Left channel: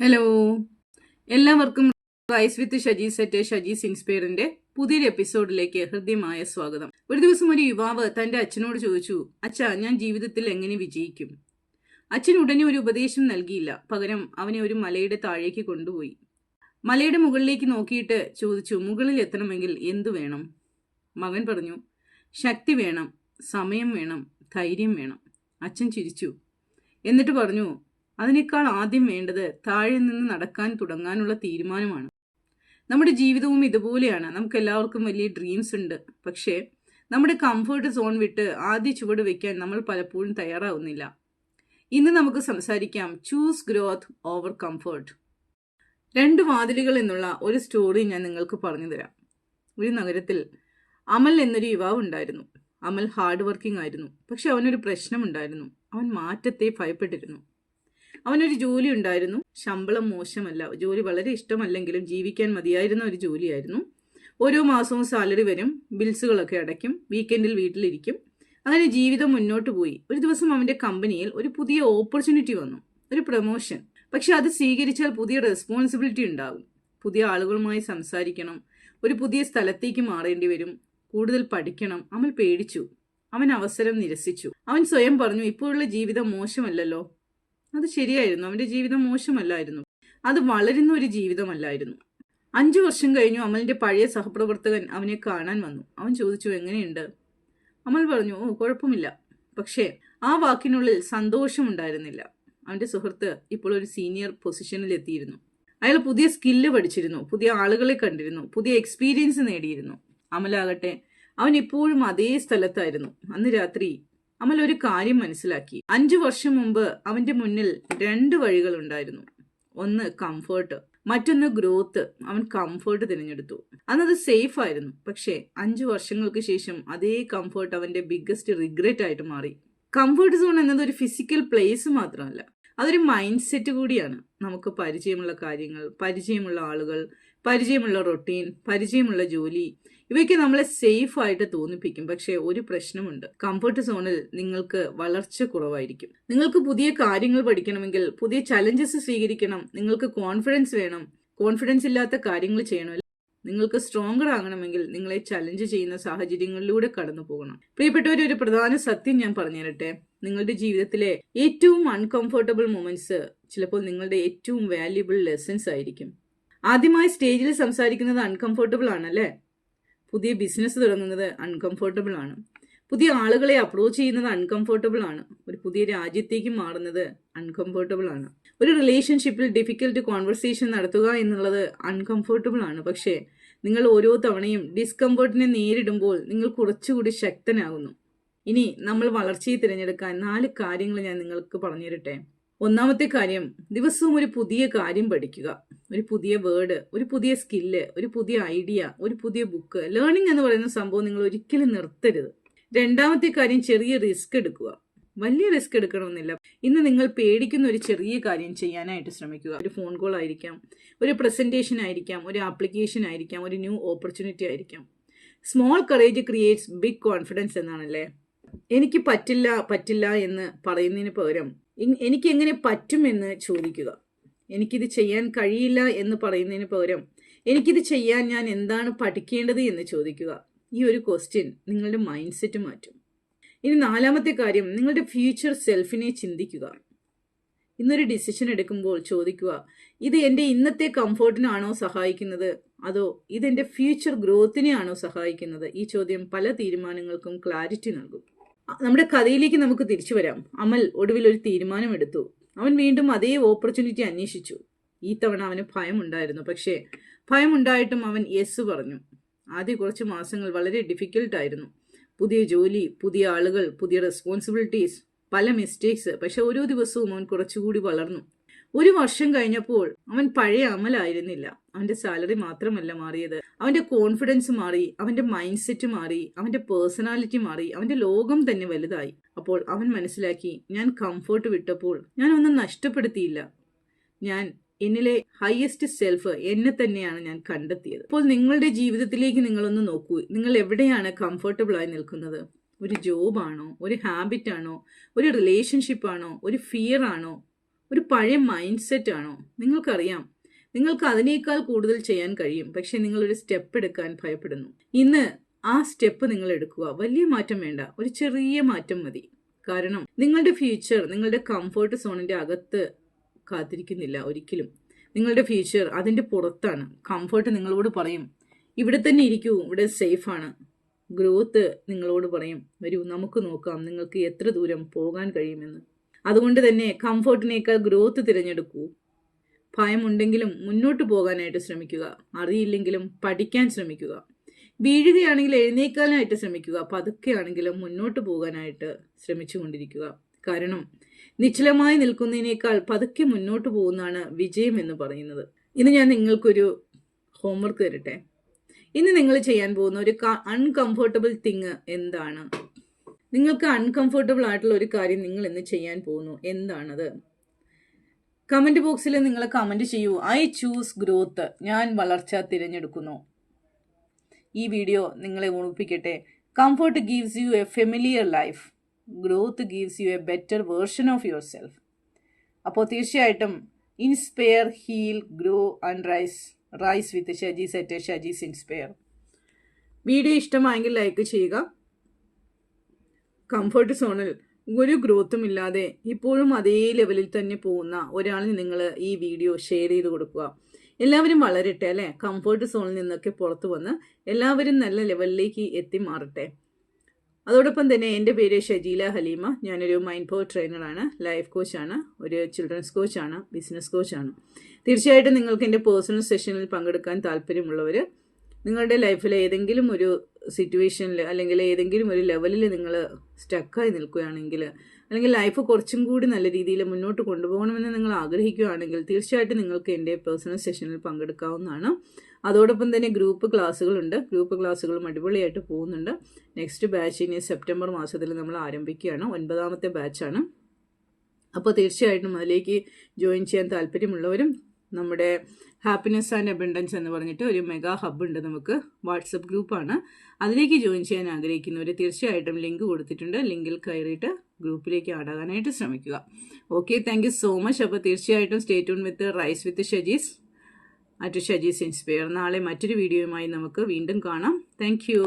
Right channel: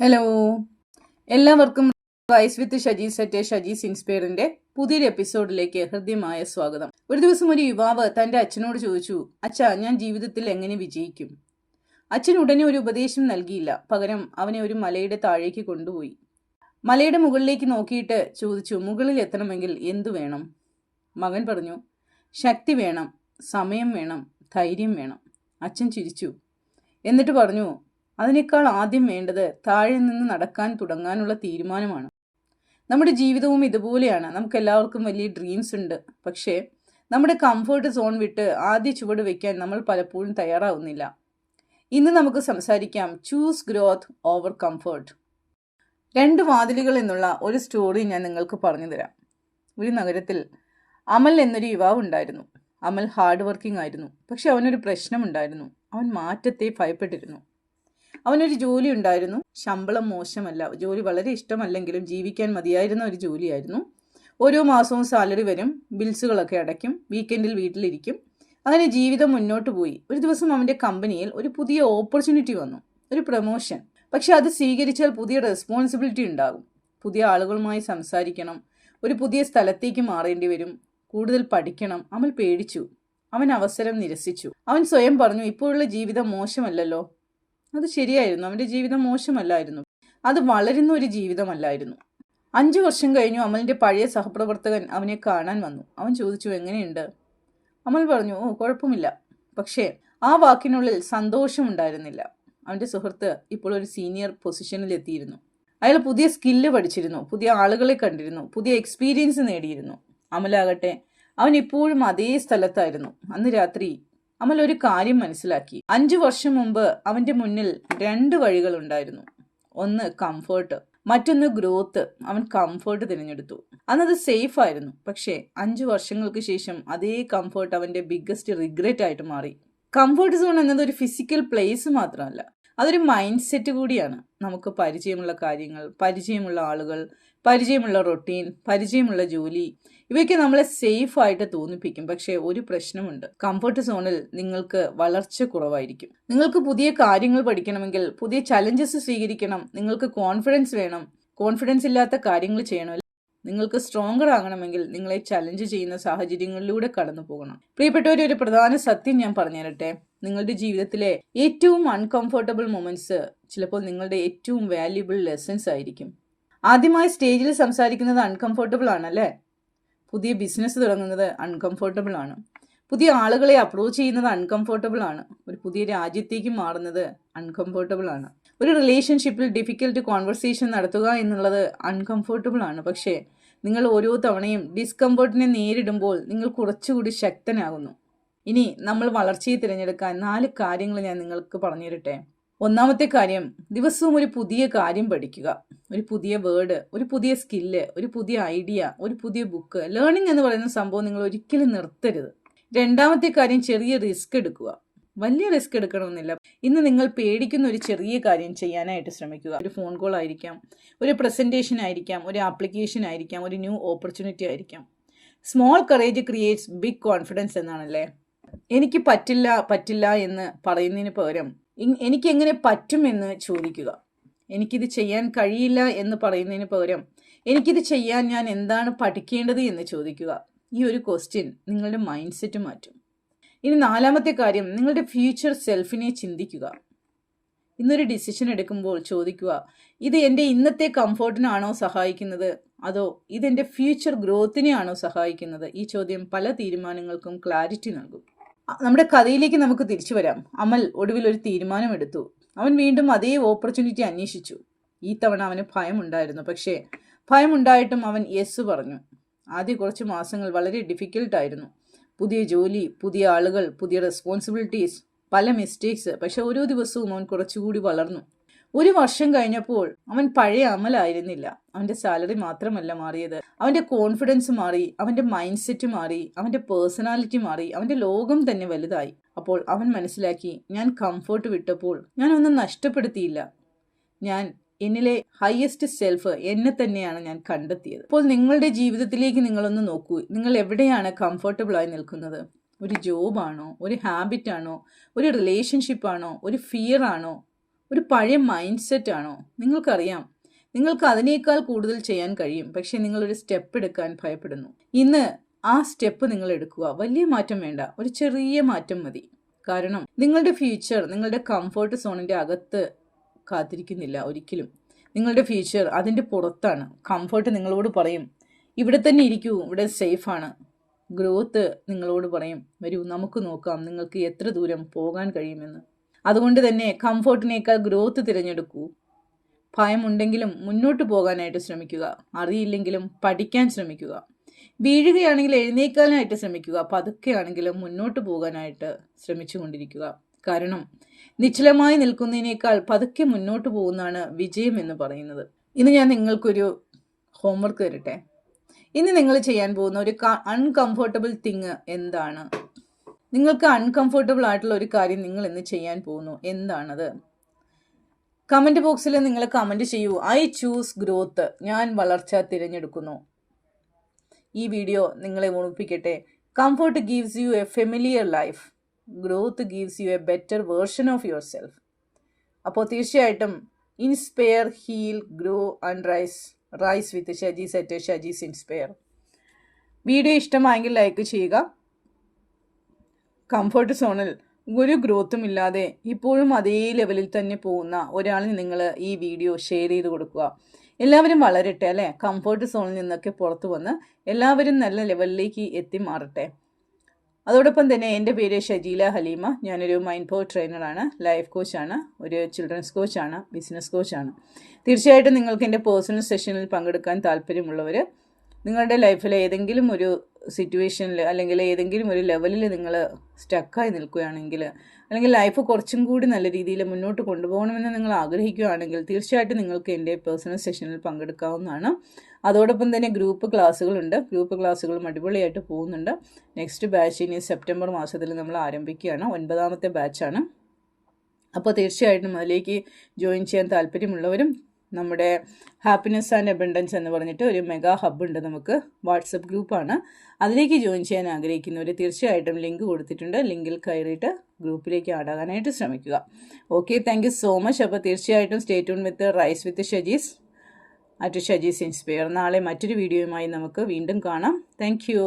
Hello, എല്ലാവർക്കും rice with Shajee's at ഷജീസ് ഇൻസ്പയറിന്റെ പുതിയൊരു എപ്പിസോഡിലേക്ക് ഹൃദ്യമായ സ്വാഗതം. ഒരു ദിവസം ഒരു യുവാവ് തന്റെ അച്ഛനോട് ചോദിച്ചു, അച്ഛാ, ഞാൻ ജീവിതത്തിൽ എങ്ങനെ വിജയിക്കും? അച്ഛൻ ഉടനെ ഒരു ഉപദേശം നൽകിയില്ല. പകരം അവനെ ഒരു മലയുടെ താഴേക്ക് കൊണ്ടുപോയി. മലയുടെ മുകളിലേക്ക് നോക്കിയിട്ട് ചോദിച്ചു, മുകളിൽ എത്തണമെങ്കിൽ എന്തു വേണം? മകൻ പറഞ്ഞു, ശക്തി വേണം, സമയം വേണം, ധൈര്യം വേണം. അച്ഛൻ ചിരിച്ചു. എന്നിട്ട് പറഞ്ഞു, അതിനേക്കാൾ ആദ്യം വേണ്ടത് താഴെ നിന്ന് നടക്കാൻ തുടങ്ങാനുള്ള തീരുമാനമാണ്. നമ്മുടെ ജീവിതവും ഇതുപോലെയാണ്. നമുക്ക് എല്ലാവർക്കും വലിയ ഡ്രീംസ് ഉണ്ട്. പക്ഷേ നമ്മുടെ കംഫർട്ട് സോൺ വിട്ട് ആദ്യ ചുവട് വയ്ക്കാൻ നമ്മൾ പലപ്പോഴും തയ്യാറാവുന്നില്ല. ഇന്ന് നമുക്ക് സംസാരിക്കാം ചൂസ് ഗ്രോത്ത് ഓവർ കംഫർട്ട്. 2 വാതിലുകൾ എന്നുള്ള ഒരു സ്റ്റോറി ഞാൻ നിങ്ങൾക്ക് പറഞ്ഞു തരാം. ഒരു നഗരത്തിൽ അമൽ എന്നൊരു യുവാവ് ഉണ്ടായിരുന്നു. അമൽ ഹാർഡ് വർക്കിംഗ് ആയിരുന്നു. പക്ഷെ അവനൊരു പ്രശ്നമുണ്ടായിരുന്നു. അവൻ മാറ്റത്തെ ഭയപ്പെട്ടിരുന്നു. അവനൊരു ജോലി ഉണ്ടായിരുന്നു. ശമ്പളം മോശമല്ല, ജോലി വളരെ ഇഷ്ടമല്ലെങ്കിലും ജീവിക്കാൻ മതിയായിരുന്ന ഒരു ജോലിയായിരുന്നു. ഓരോ മാസവും സാലറി വരും, ബിൽസുകളൊക്കെ അടയ്ക്കും, വീക്കെൻഡിൽ വീട്ടിലിരിക്കും. അങ്ങനെ ജീവിതം മുന്നോട്ട് പോയി. ഒരു ദിവസം അവൻ്റെ കമ്പനിയിൽ ഒരു പുതിയ ഓപ്പർച്യൂണിറ്റി വന്നു, ഒരു പ്രൊമോഷൻ. പക്ഷെ അത് സ്വീകരിച്ചാൽ പുതിയ റെസ്പോൺസിബിലിറ്റി ഉണ്ടാകും. പുതിയ ആളുകളുമായി സംസാരിക്കണം, ഒരു പുതിയ സ്ഥലത്തേക്ക് മാറേണ്ടി വരും, കൂടുതൽ പഠിക്കണം. അമൽ പേടിച്ചു. അവൻ അവസരം നിരസിച്ചു. അവൻ സ്വയം പറഞ്ഞു, ഇപ്പോഴുള്ള ജീവിതം മോശമല്ലല്ലോ. അത് ശരിയായിരുന്നു. അവൻ്റെ ജീവിതം മോശമല്ലായിരുന്നു. അത് വളരുന്ന ഒരു ജീവിതമല്ലായിരുന്നു. 5 വർഷം കഴിഞ്ഞു അമലിൻ്റെ പഴയ സഹപ്രവർത്തകൻ അവനെ കാണാൻ വന്നു. അവൻ ചോദിച്ചു, എങ്ങനെയുണ്ട്? അമൽ പറഞ്ഞു, ഓ, കുഴപ്പമില്ല. പക്ഷേ ആ വാക്കിനുള്ളിൽ സന്തോഷമുണ്ടായിരുന്നില്ല. അവൻ്റെ സുഹൃത്ത് ഇപ്പോൾ ഒരു സീനിയർ പൊസിഷനിൽ എത്തിയിരുന്നു. അയാൾ പുതിയ സ്കില്ല് പഠിച്ചിരുന്നു, പുതിയ ആളുകളെ കണ്ടിരുന്നു, പുതിയ എക്സ്പീരിയൻസ് നേടിയിരുന്നു. അമലാകട്ടെ, അവൻ ഇപ്പോഴും അതേ സ്ഥലത്തായിരുന്നു. അന്ന് രാത്രി അമൽ ഒരു കാര്യം മനസ്സിലാക്കി. 5 വർഷം മുമ്പ് അവന്റെ മുന്നിൽ 2 വഴികളുണ്ടായിരുന്നു. ഒന്ന് കംഫേർട്ട്, മറ്റൊന്ന് ഗ്രോത്ത്. അവൻ കംഫേർട്ട് തിരഞ്ഞെടുത്തു. അന്നത് സേഫ് ആയിരുന്നു. പക്ഷേ 5 വർഷങ്ങൾക്ക് ശേഷം അതേ കംഫേർട്ട് അവന്റെ ബിഗ്ഗസ്റ്റ് റിഗ്രറ്റ് ആയിട്ട് മാറി. കംഫേർട്ട് സോൺ എന്നത് ഒരു ഫിസിക്കൽ പ്ലേസ് മാത്രമല്ല, അതൊരു മൈൻഡ് സെറ്റ് കൂടിയാണ്. നമുക്ക് പരിചയമുള്ള കാര്യങ്ങൾ, പരിചയമുള്ള ആളുകൾ, പരിചയമുള്ള റൊട്ടീൻ, പരിചയമുള്ള ജോലി, ഇവയ്ക്ക് നമ്മളെ സേഫ് ആയിട്ട് തോന്നിപ്പിക്കും. പക്ഷേ ഒരു പ്രശ്നമുണ്ട്. കംഫർട്ട് സോണിൽ നിങ്ങൾക്ക് വളർച്ച കുറവായിരിക്കും. നിങ്ങൾക്ക് പുതിയ കാര്യങ്ങൾ പഠിക്കണമെങ്കിൽ, പുതിയ ചലഞ്ചസ് സ്വീകരിക്കണം, നിങ്ങൾക്ക് കോൺഫിഡൻസ് വേണം. കോൺഫിഡൻസ് ഇല്ലാത്ത കാര്യങ്ങൾ ചെയ്യണം. നിങ്ങൾക്ക് സ്ട്രോങ്ങർ ആകണമെങ്കിൽ നിങ്ങളെ ചലഞ്ച് ചെയ്യുന്ന സാഹചര്യങ്ങളിലൂടെ കടന്നു പോകണം. പ്രിയപ്പെട്ടവരെ, ഒരു പ്രധാന സത്യം ഞാൻ പറഞ്ഞു തരട്ടെ. നിങ്ങളുടെ ജീവിതത്തിലെ ഏറ്റവും അൺകംഫർട്ടബിൾ മൊമെന്റ്സ് ചിലപ്പോൾ നിങ്ങളുടെ ഏറ്റവും വാല്യുബിൾ ലെസൺസ് ആയിരിക്കും. ആദ്യമായി സ്റ്റേജിൽ സംസാരിക്കുന്നത് അൺകംഫർട്ടബിൾ ആണല്ലേ? പുതിയ ബിസിനസ് തുടങ്ങുന്നത് അൺകംഫർട്ടബിൾ ആണ്. പുതിയ ആളുകളെ അപ്രോച്ച് ചെയ്യുന്നത് അൺകംഫർട്ടബിൾ ആണ്. ഒരു പുതിയ രാജ്യത്തേക്ക് മാറുന്നത് അൺകംഫർട്ടബിൾ ആണ്. ഒരു റിലേഷൻഷിപ്പിൽ ഡിഫിക്കൽട്ട് കോൺവെർസേഷൻ നടത്തുക എന്നുള്ളത് അൺകംഫർട്ടബിൾ ആണ്. പക്ഷേ നിങ്ങൾ ഓരോ തവണയും ഡിസ്കംഫർട്ടിനെ നേരിടുമ്പോൾ നിങ്ങൾ കുറച്ചുകൂടി ശക്തനാകുന്നു. ഇനി നമ്മൾ വളർച്ചയെ തിരഞ്ഞെടുക്കാൻ 4 കാര്യങ്ങൾ ഞാൻ നിങ്ങൾക്ക് പറഞ്ഞു തരട്ടെ. ഒന്നാമത്തെ കാര്യം, ദിവസവും ഒരു പുതിയ കാര്യം പഠിക്കുക. ഒരു പുതിയ വേർഡ്, ഒരു പുതിയ സ്കില്ല്, ഒരു പുതിയ ഐഡിയ, ഒരു പുതിയ ബുക്ക്. ലേണിംഗ് എന്ന് പറയുന്ന സംഭവം നിങ്ങൾ ഒരിക്കലും നിർത്തരുത്. രണ്ടാമത്തെ കാര്യം, ചെറിയ റിസ്ക് എടുക്കുക. വലിയ റിസ്ക് എടുക്കണമെന്നില്ല. ഇന്ന് നിങ്ങൾ പേടിക്കുന്ന ഒരു ചെറിയ കാര്യം ചെയ്യാനായിട്ട് ശ്രമിക്കുക. ഒരു ഫോൺ കോൾ ആയിരിക്കാം, ഒരു പ്രസന്റേഷൻ ആയിരിക്കാം, ഒരു ആപ്ലിക്കേഷൻ ആയിരിക്കാം, ഒരു ന്യൂ ഓപ്പർച്യൂണിറ്റി ആയിരിക്കാം. Small courage creates big confidence എന്നാണല്ലേ. എനിക്ക് പറ്റില്ല എന്ന് പറയുന്നതിന് പകരം എനിക്ക് എങ്ങനെ പറ്റുമെന്ന് ചോദിക്കുക. എനിക്കിത് ചെയ്യാൻ കഴിയില്ല എന്ന് പറയുന്നതിന് പകരം എനിക്കിത് ചെയ്യാൻ ഞാൻ എന്താണ് പഠിക്കേണ്ടത് എന്ന് ചോദിക്കുക. ഈ ഒരു ക്വസ്റ്റ്യൻ നിങ്ങളുടെ മൈൻഡ് സെറ്റ് മാറ്റും. ഇനി 4ാമത്തെ കാര്യം, നിങ്ങളുടെ ഫ്യൂച്ചർ സെൽഫിനെ ചിന്തിക്കുക. ഇന്നൊരു ഡിസിഷൻ എടുക്കുമ്പോൾ ചോദിക്കുക, ഇത് എൻ്റെ ഇന്നത്തെ കംഫോർട്ടിനാണോ സഹായിക്കുന്നത്, അതോ ഇതെൻ്റെ ഫ്യൂച്ചർ ഗ്രോത്തിനെയാണോ സഹായിക്കുന്നത്? ഈ ചോദ്യം പല തീരുമാനങ്ങൾക്കും ക്ലാരിറ്റി നൽകും. നമ്മുടെ കഥയിലേക്ക് നമുക്ക് തിരിച്ചു വരാം. അമൽ ഒടുവിൽ ഒരു തീരുമാനമെടുത്തു. അവൻ വീണ്ടും അതേ ഓപ്പർച്യൂണിറ്റി അന്വേഷിച്ചു. ഈ തവണ അവന് ഭയമുണ്ടായിരുന്നു. പക്ഷേ ഭയമുണ്ടായിട്ടും അവൻ യെസ് പറഞ്ഞു. ആദ്യ കുറച്ച് മാസങ്ങൾ വളരെ ഡിഫിക്കൽട്ടായിരുന്നു. പുതിയ ജോലി, പുതിയ ആളുകൾ, പുതിയ റെസ്പോൺസിബിലിറ്റീസ്, പല മിസ്റ്റേക്സ്. പക്ഷെ ഓരോ ദിവസവും അവൻ കുറച്ചുകൂടി വളർന്നു. 1 വർഷം കഴിഞ്ഞപ്പോൾ അവൻ പഴയ അമലായിരുന്നില്ല. അവൻ്റെ സാലറി മാത്രമല്ല മാറിയത്, അവൻ്റെ കോൺഫിഡൻസ് മാറി, അവൻ്റെ മൈൻഡ് സെറ്റ് മാറി, അവൻ്റെ പേഴ്സണാലിറ്റി മാറി, അവൻ്റെ ലോകം തന്നെ വലുതായി. അപ്പോൾ അവൻ മനസ്സിലാക്കി, ഞാൻ കംഫർട്ട് വിട്ടപ്പോൾ ഞാൻ ഒന്നും നഷ്ടപ്പെടുത്തിയില്ല. ഞാൻ എന്നിലെ ഹയസ്റ്റ് സെൽഫ് എന്നെ തന്നെയാണ് ഞാൻ കണ്ടെത്തിയത്. അപ്പോൾ നിങ്ങളുടെ ജീവിതത്തിലേക്ക് നിങ്ങളൊന്ന് നോക്കൂ. നിങ്ങൾ എവിടെയാണ് കംഫർട്ടബിളായി നിൽക്കുന്നത്? ഒരു ജോബാണോ, ഒരു ഹാബിറ്റാണോ, ഒരു റിലേഷൻഷിപ്പാണോ, ഒരു ഫിയർ ആണോ, ഒരു പഴയ മൈൻഡ് സെറ്റ് ആണോ? നിങ്ങൾക്കറിയാം, നിങ്ങൾക്ക് അതിനേക്കാൾ കൂടുതൽ ചെയ്യാൻ കഴിയും. പക്ഷേ നിങ്ങളൊരു സ്റ്റെപ്പ് എടുക്കാൻ ഭയപ്പെടുന്നു. ഇന്ന് ആ സ്റ്റെപ്പ് നിങ്ങൾ എടുക്കുക. വലിയ മാറ്റം വേണ്ട, ഒരു ചെറിയ മാറ്റം മതി. കാരണം നിങ്ങളുടെ ഫ്യൂച്ചർ നിങ്ങളുടെ കംഫർട്ട് സോണിൻ്റെ അകത്ത് കാത്തിരിക്കുന്നില്ല ഒരിക്കലും. നിങ്ങളുടെ ഫ്യൂച്ചർ അതിൻ്റെ പുറത്താണ്. കംഫർട്ട് നിങ്ങളോട് പറയും, ഇവിടെ തന്നെ ഇരിക്കൂ, ഇവിടെ സേഫാണ്. ഗ്രോത്ത് നിങ്ങളോട് പറയും, വരൂ നമുക്ക് നോക്കാം നിങ്ങൾക്ക് എത്ര ദൂരം പോകാൻ കഴിയുമെന്ന്. അതുകൊണ്ട് തന്നെ കംഫർട്ടിനേക്കാൾ ഗ്രോത്ത് തിരഞ്ഞെടുക്കൂ. ഭയമുണ്ടെങ്കിലും മുന്നോട്ട് പോകാനായിട്ട് ശ്രമിക്കുക. അറിയില്ലെങ്കിലും പഠിക്കാൻ ശ്രമിക്കുക. വീഴുകയാണെങ്കിൽ എഴുന്നേൽക്കാനായിട്ട് ശ്രമിക്കുക. പതുക്കെയാണെങ്കിലും മുന്നോട്ട് പോകാനായിട്ട് ശ്രമിച്ചുകൊണ്ടിരിക്കുക. കാരണം നിശ്ചലമായി നിൽക്കുന്നതിനേക്കാൾ പതുക്കെ മുന്നോട്ട് പോകുന്നതാണ് വിജയം എന്ന് പറയുന്നത്. ഇന്ന് ഞാൻ നിങ്ങൾക്കൊരു ഹോംവർക്ക് തരട്ടെ. ഇന്ന് നിങ്ങൾ ചെയ്യാൻ പോകുന്ന ഒരു അൺകംഫർട്ടബിൾ തിങ് എന്താണ്? നിങ്ങൾക്ക് അൺകംഫർട്ടബിൾ ആയിട്ടുള്ള ഒരു കാര്യം നിങ്ങൾ ഇന്ന് ചെയ്യാൻ പോകുന്നു. എന്താണത്? കമൻറ്റ് ബോക്സിൽ നിങ്ങൾ കമൻറ്റ് ചെയ്യൂ, ഐ ചൂസ് ഗ്രോത്ത്. ഞാൻ വളർച്ച തിരഞ്ഞെടുക്കുന്നു. ഈ വീഡിയോ നിങ്ങളെ ഓർമ്മിപ്പിക്കട്ടെ, comfort gives you a familiar life, growth gives you a better version of yourself. അപ്പോൾ തീർച്ചയായിട്ടും inspire, heal, grow and rise with Shajee's at Shajee's inspire. Video ഇഷ്ടമായെങ്കിൽ ലൈക്ക് ചെയ്യുക. കംഫർട്ട് സോണിൽ ഒരു ഗ്രോത്തും ഇല്ലാതെ ഇപ്പോഴും അതേ ലെവലിൽ തന്നെ പോകുന്ന ഒരാളിന് നിങ്ങൾ ഈ വീഡിയോ ഷെയർ ചെയ്ത് കൊടുക്കുക. എല്ലാവരും വളരട്ടെ അല്ലേ? കംഫർട്ട് സോണിൽ നിന്നൊക്കെ പുറത്തു വന്ന് എല്ലാവരും നല്ല ലെവലിലേക്ക് എത്തി മാറട്ടെ. അതോടൊപ്പം തന്നെ എൻ്റെ പേര് ഷജീല ഹലീമ. ഞാനൊരു മൈൻഡ് പവർ ട്രെയിനറാണ്, ലൈഫ് കോച്ചാണ്, ഒരു ചിൽഡ്രൻസ് കോച്ചാണ്, ബിസിനസ് കോച്ചാണ്. തീർച്ചയായിട്ടും നിങ്ങൾക്ക് എൻ്റെ പേഴ്സണൽ സെഷനിൽ പങ്കെടുക്കാൻ താല്പര്യമുള്ളവർ, നിങ്ങളുടെ ലൈഫിൽ ഏതെങ്കിലും ഒരു സിറ്റുവേഷനിൽ അല്ലെങ്കിൽ ഏതെങ്കിലും ഒരു ലെവലിൽ നിങ്ങൾ സ്റ്റക്കായി നിൽക്കുകയാണെങ്കിൽ, അല്ലെങ്കിൽ ലൈഫ് കുറച്ചും കൂടി നല്ല രീതിയിൽ മുന്നോട്ട് കൊണ്ടുപോകണമെന്ന് നിങ്ങൾ ആഗ്രഹിക്കുകയാണെങ്കിൽ തീർച്ചയായിട്ടും നിങ്ങൾക്ക് എൻ്റെ പേഴ്സണൽ സെഷനിൽ പങ്കെടുക്കാവുന്നതാണ്. അതോടൊപ്പം തന്നെ ഗ്രൂപ്പ് ക്ലാസ്സുകളുണ്ട്. ഗ്രൂപ്പ് ക്ലാസ്സുകളും അടിപൊളിയായിട്ട് പോകുന്നുണ്ട്. നെക്സ്റ്റ് ബാച്ച് ഇനി സെപ്റ്റംബർ മാസത്തിൽ നമ്മൾ ആരംഭിക്കുകയാണ്. 9ാമത്തെ ബാച്ചാണ്. അപ്പോൾ തീർച്ചയായിട്ടും അതിലേക്ക് ജോയിൻ ചെയ്യാൻ താല്പര്യമുള്ളവരും, നമ്മുടെ ഹാപ്പിനെസ് ആൻഡ് അബണ്ടൻസ് എന്ന് പറഞ്ഞിട്ട് ഒരു മെഗാ ഹബ്ബ് ഉണ്ട്, നമുക്ക് വാട്സപ്പ് ഗ്രൂപ്പാണ്. അതിലേക്ക് ജോയിൻ ചെയ്യാൻ ആഗ്രഹിക്കുന്നവർ തീർച്ചയായിട്ടും ലിങ്ക് കൊടുത്തിട്ടുണ്ട്. ലിങ്കിൽ കയറിയിട്ട് ഗ്രൂപ്പിലേക്ക് ആടാകാനായിട്ട് ശ്രമിക്കുക. Okay, thank you so much. അപ്പോൾ തീർച്ചയായിട്ടും stay tune with rise with Shajee's at Shajee's inspire. നാളെ മറ്റൊരു വീഡിയോയുമായി നമുക്ക് വീണ്ടും കാണാം. Thank U.